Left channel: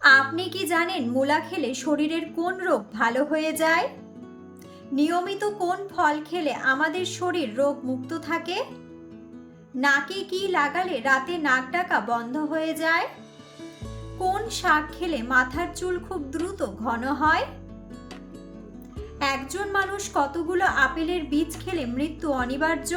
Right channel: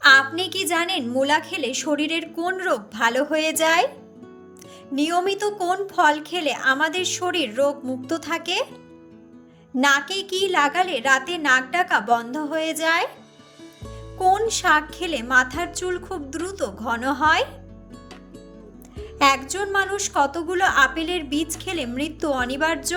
আপনি কি জানেন মূলা খেলে শরীরের কোন রোগ ভালো হয়ে যায়? নিয়মিত কোন ফল খেলে আমাদের শরীর রোগ মুক্ত থাকে? নাকে কি লাগালে রাতে নাক ডাকা বন্ধ হয়ে যায়? কোন শাক খেলে মাথার চুল খুব দ্রুত ঘন হয়? একজন মানুষ কতগুলো আপেলের বীজ খেলে মৃত্যু অনিবার্য?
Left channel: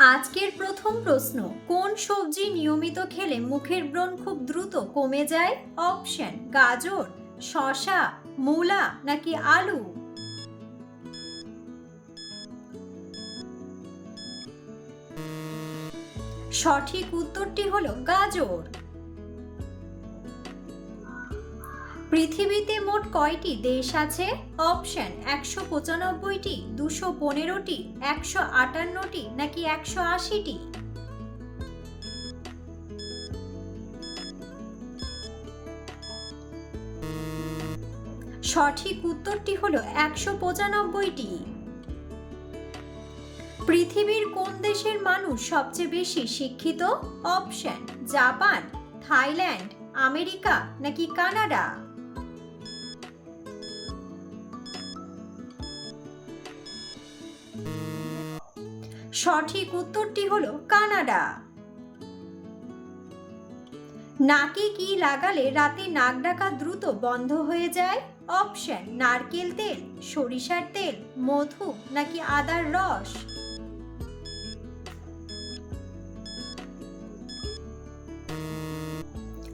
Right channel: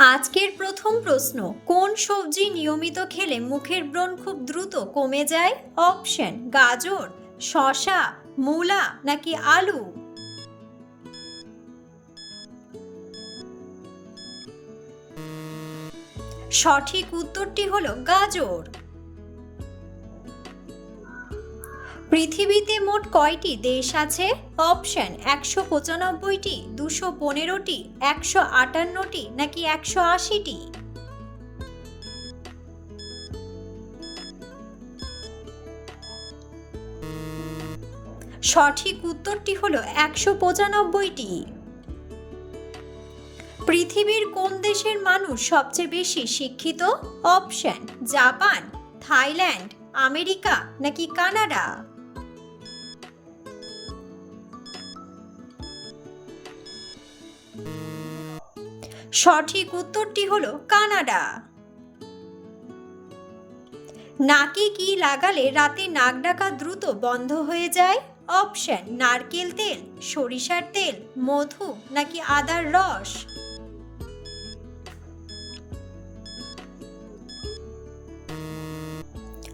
আজকের প্রথম প্রশ্ন, কোন সবজি নিয়মিত খেলে মুখের ব্রণ খুব দ্রুত কমে যায়? অপশন, গাজর শশা মূলা নাকি আলু? সঠিক উত্তরটি হলো গাজর। পৃথিবীতে মোট কয়টি দেশ আছে? অপশন, একশো পঁচানব্বইটি, দুশো পনেরোটি, একশো আটান্নটি, নাকি একশো আশিটি? সঠিক উত্তরটি হলো একশো পঁচানব্বইটি। পৃথিবীর কোন দেশের মানুষ সবচেয়ে বেশি শিক্ষিত? অপশন, জাপান, থাইল্যান্ড, আমেরিকা, নাকি কানাডা? সঠিক উত্তরটি হলো কানাডা। নাকে কি লাগালে রাতে নাক ডাকা দ্রুত বন্ধ হয়ে যায়? অপশন, নারকেল তেল, সরিষার তেল, মধু নাকি আদার রস?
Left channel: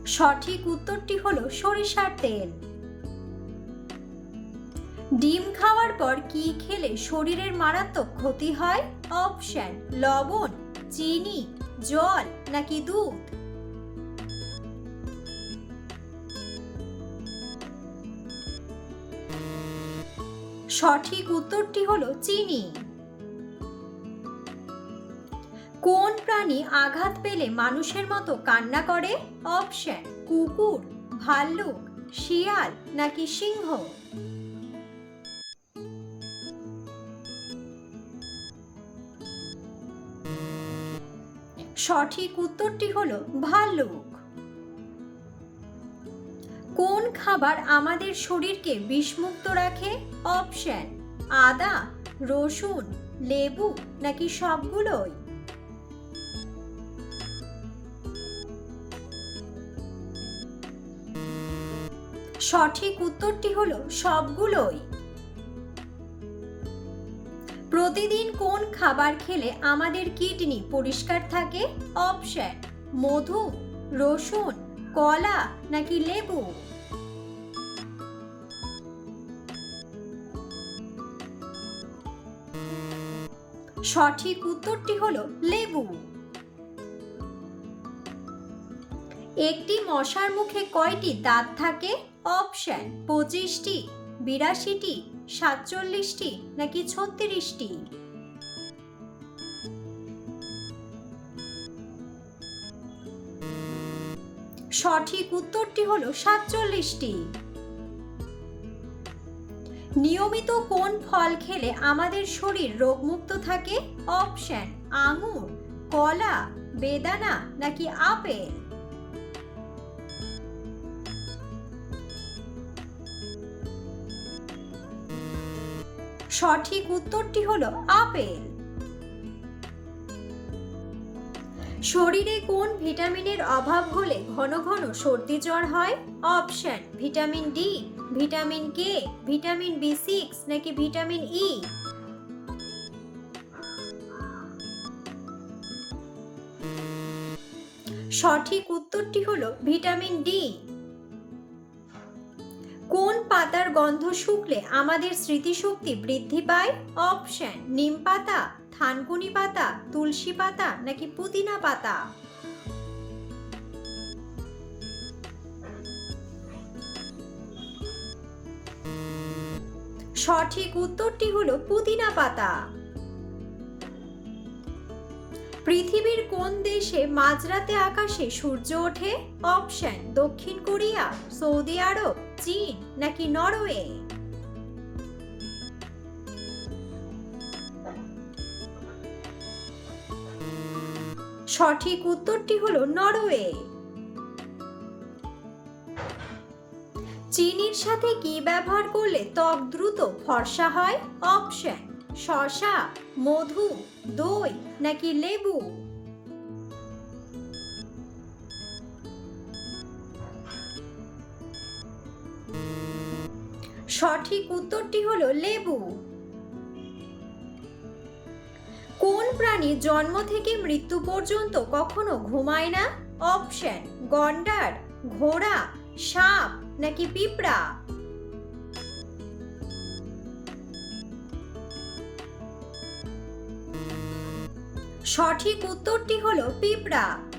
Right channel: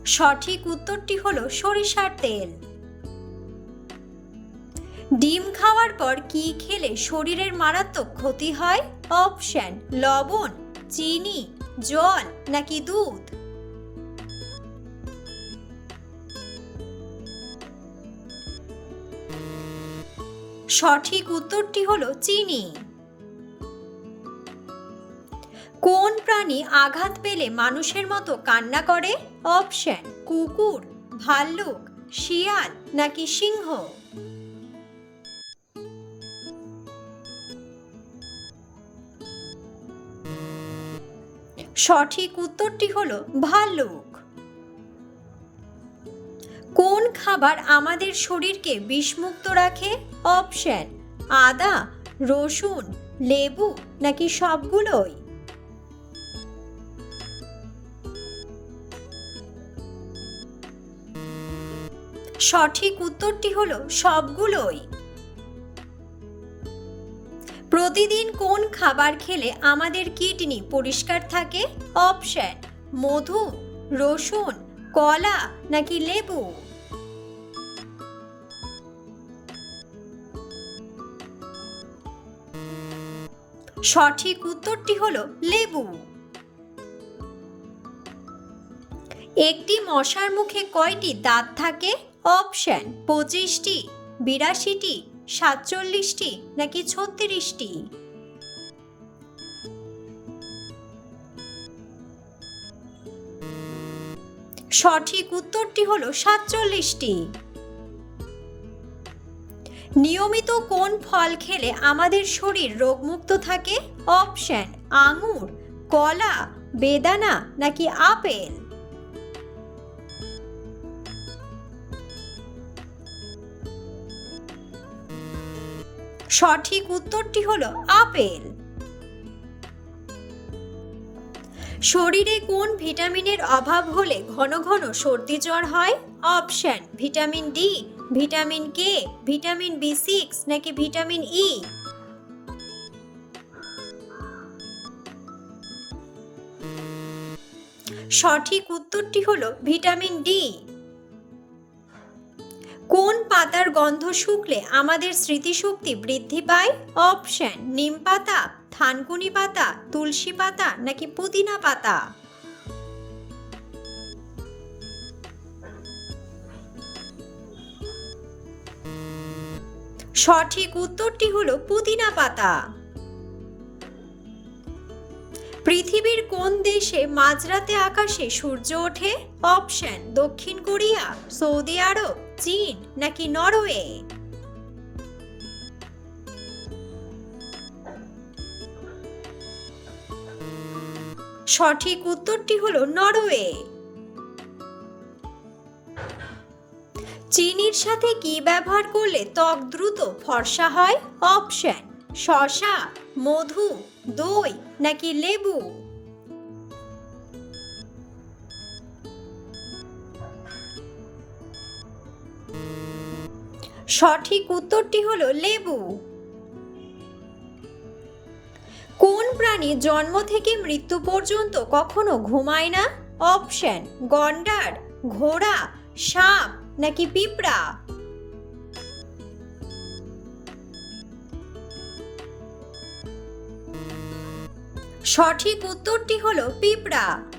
সঠিক উত্তরটি হলো সরিষার তেল। ডিম খাওয়ার পর কি খেলে শরীরের মারাত্মক ক্ষতি হয়? অপশন লবণ, চিনি, জল নাকি দুধ? সঠিক উত্তরটি হলো চিনি। কোন প্রাণী আঘাত পেলে মানুষের মতো কান্না করে? অপশন কুকুর, ভাল্লুক, শিয়াল নাকি সিংহ? সঠিক উত্তরটি হলো ভাল্লুক। কোন খাবার আমাদের শরীরকে বিষমুক্ত রাখে? অপশন, আদা, রসুন, লেবু নাকি সবগুলোই? সঠিক উত্তরটি হলো সবগুলোই। প্রতিদিন কোন খাবার খেলে আমাদের কিডনি পরিষ্কার থাকে? অপশন, মধু, রসুন, কলা নাকি লেবু? সঠিক উত্তরটি হলো লেবু। একটি মশার মুখে কয়টি দাঁত থাকে? অপশন, পঁচিশটি, বিরাশিটি সাতচল্লিশটি নাকি ছত্রিশটি? সঠিক উত্তরটি হলো সাতচল্লিশটি। নিয়মিত কোন ফল খেলে আমাদের শরীর রোগমুক্ত থাকে? অপশন, আঙুর, কলা, বেদানা নাকি আপেল? সঠিক উত্তরটি হলো আপেল। শরীরে কোন ভিটামিনের অভাব হলে ঘন ঘন সর্দি জ্বর হয়? Option, vitamin D, vitamin K, vitamin B six নাকি ভিটামিন ই? সঠিক উত্তরটি হলো ভিটামিন ডি। পাতার গন্ধ শুকলে আমাদের স্মৃতিশক্তি বৃদ্ধি পায়। অপশন, নিম পাতা, থানকুনি পাতা, তুলসী পাতা নাকি পুদিনা পাতা? সঠিক উত্তরটি হলো পুদিনা পাতা। পৃথিবীর কোন দেশে মাঝরাতে আকাশে সূর্য ওঠে? অপশন, দক্ষিণ কোরিয়া, সৌদি আরব। চীন নাকি নরওয়ে? সঠিক উত্তরটি হলো নরওয়ে। চিনির সাথে কি ব্যবহার করলে ত্বক দ্রুত ফর্সা হয়? অপশন, শসা, মধু, দই নাকি লেবু? সঠিক উত্তরটি হলো লেবু। কোন প্রাণী জন্ম থেকে মৃত্যু পর্যন্ত কখনো ঘুমায় না? অপশন, গন্ডার, ঘোড়া, সাপ নাকি পিঁপড়া? সঠিক উত্তরটি হলো পিঁপড়া।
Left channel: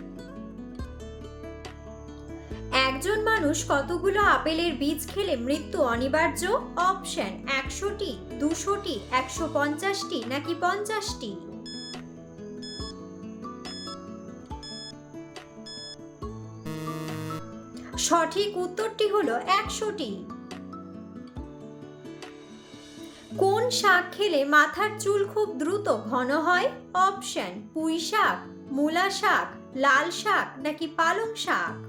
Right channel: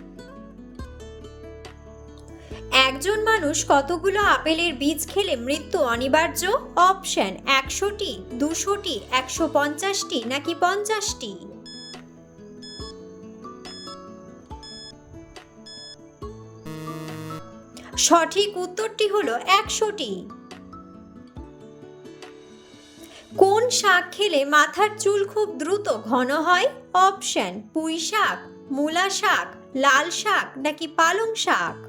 একজন মানুষ কতগুলো আপেলের বীজ খেলে মৃত্যু অনিবার্য? অপশন, একশোটি, দুশোটি, একশো পঞ্চাশটি নাকি পঞ্চাশটি? সঠিক উত্তরটি হলো একশোটি। কোন শাক খেলে মাথার চুল খুব দ্রুত ঘন হয়? অপশন পুঁই শাক মূলা শাক, লাল শাক নাকি পালং শাক?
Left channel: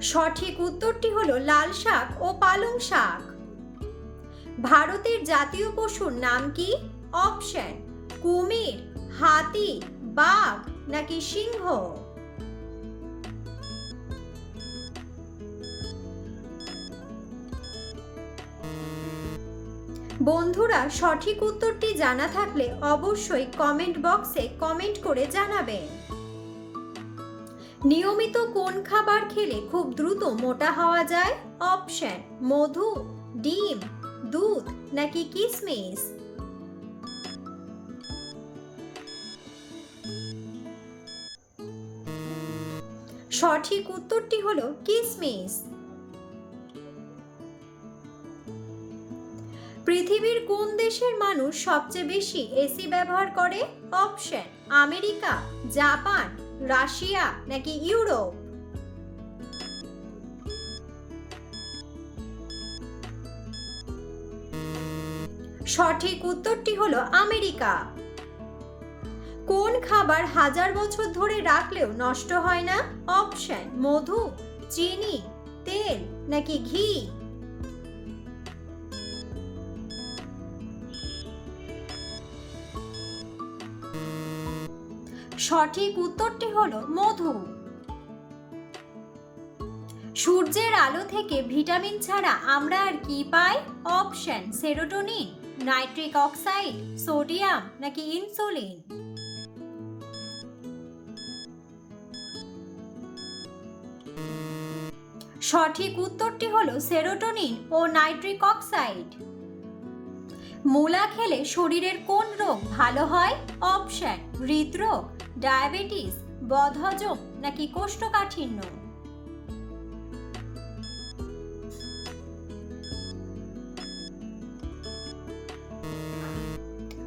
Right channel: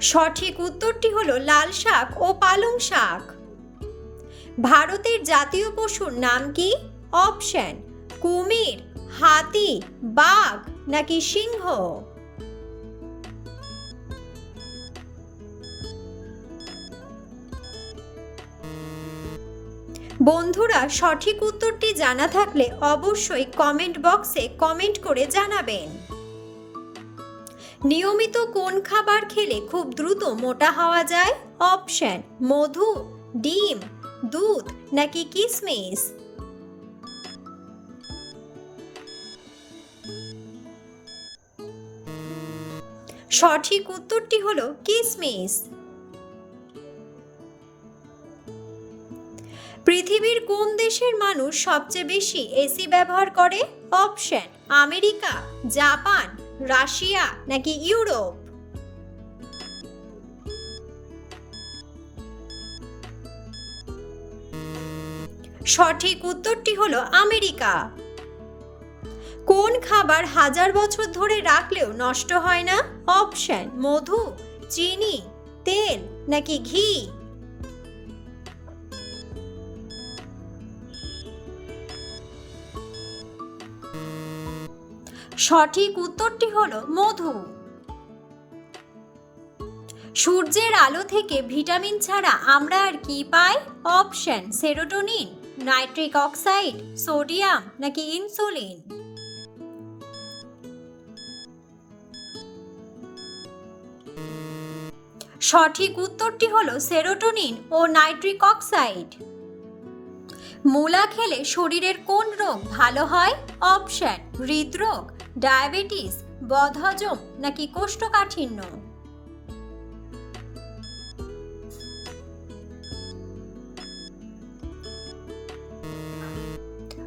সঠিক উত্তরটি হলো লাল শাক ও পালং শাক। ভারতের জাতীয় পশুর নাম কি? অপশন, কুমির, হাতি, বাঘ নাকি সিংহ? বন্ধুরা, সঠিক উত্তরটি জানা থাকলে অবশ্যই কমেন্ট বক্সে কমেন্ট করে জানাবেন। নিয়মিত কোন খাবার খেলে খুব দ্রুত মোটা হওয়া যায়? অপশন, মধু, ডিম, দুধ নাকি কিসমিস? সঠিক উত্তরটি হলো কিসমিস। পৃথিবীর কোন দেশের মানুষ সবচেয়ে বেশি এসি ব্যবহার করে? অপশন, আমেরিকা, জাপান রাশিয়া নাকি ইউরোপ? সঠিক উত্তরটি হলো আমেরিকা। কোন খাবার হাজার বছর ধরে রাখলেও নষ্ট হয় না? অপশন, মধু, চিনি, তেল নাকি ঘি? সঠিক উত্তরটি হলো মধু। সূর্যের আলো থেকে ভিটামিন ছাড়া আমরা আর কি পাই? Option, serotonin, nitric oxide, sodium নাকি ইনসুলিন। সঠিক উত্তরটি হলো সেরোটোনিন ও নাইট্রিক অক্সাইড। মূলা খেলে শরীরের কোন রোগ ভালো হয়? অপশন, হৃদরোগ। ডায়াবেটিস, বদহজম নাকি কোষ্ঠকাঠিন্য?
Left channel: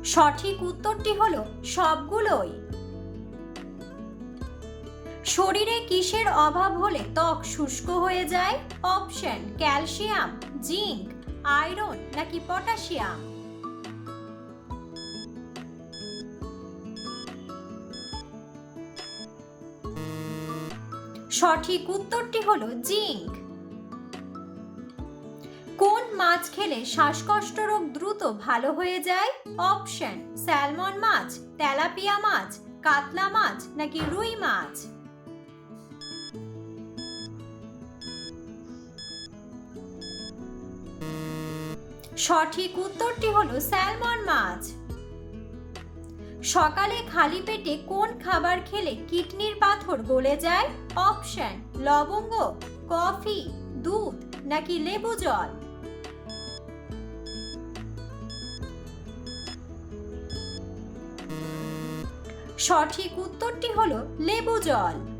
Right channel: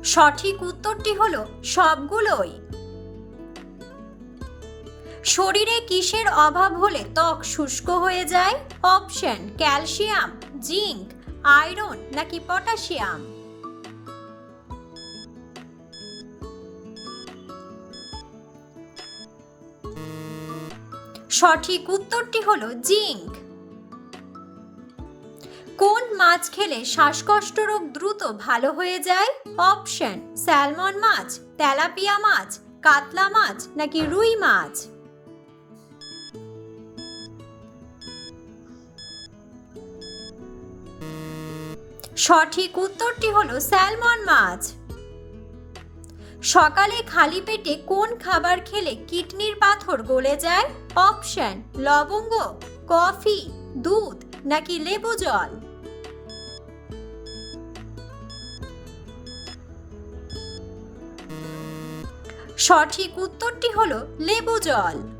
সঠিক উত্তরটি হলো সবগুলোই। শরীরে কিসের অভাব হলে ত্বক শুষ্ক হয়ে যায়? অপশন, ক্যালসিয়াম, জিঙ্ক, আয়রন নাকি পটাশিয়াম? সঠিক উত্তরটি হলো জিঙ্ক। কোন মাছ খেলে শ্বাসকষ্ট রোগ দ্রুত ভালো হয়ে যায়? অপশন, স্যালমন মাছ, তেলাপিয়া মাছ, কাতলা মাছ নাকি রুই মাছ? সঠিক উত্তরটি হলো স্যালমন মাছ। সকালে খালি পেটে কোন খাবার খেলে কিডনির পাথর গলে যায়? অপশন, লবঙ্গ, কফি, দুধ নাকি লেবু জল? সঠিক উত্তরটি হলো লেবু জল।